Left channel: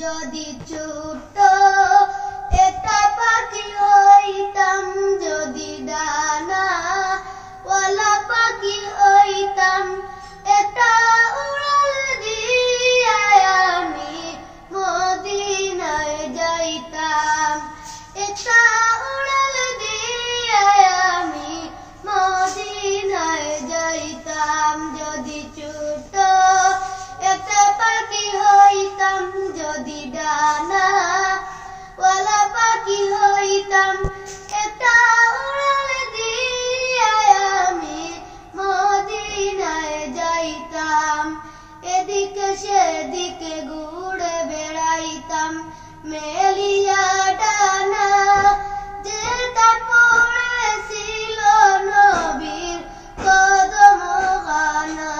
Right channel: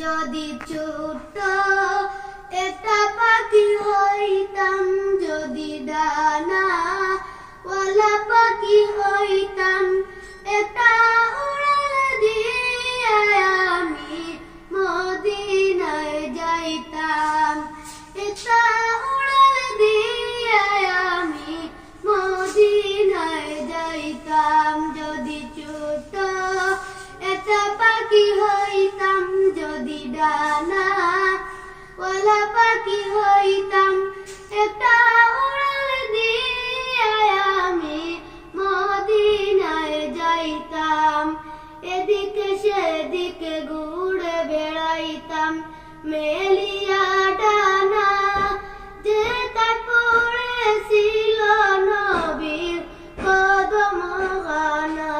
যদি ছোট্ট একটা পাখি হইতাম, যদি ডানা ওয়ালা পাখি হইতাম, একটা উড়াল দিয়া আমি মদিনায় যাইতাম, একটা উড়াল দিয়া আমি মদিনায় যাইতাম। যদি ছোট্ট একটা পাখি হইতাম, যদি ডানা ওয়ালা পাখি হইতাম, একটা উড়াল দিয়া আমি মদিনায় যাইতাম। এদিকে সেদিকে ঘুরে বেড়াইতাম মেলিয়া ডানা, যে তার পড়েছিল নবীর কদম খানা।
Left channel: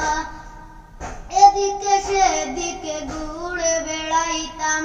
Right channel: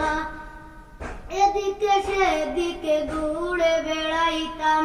এদিকে সেদিকে ঘুরে বেড়াইতাম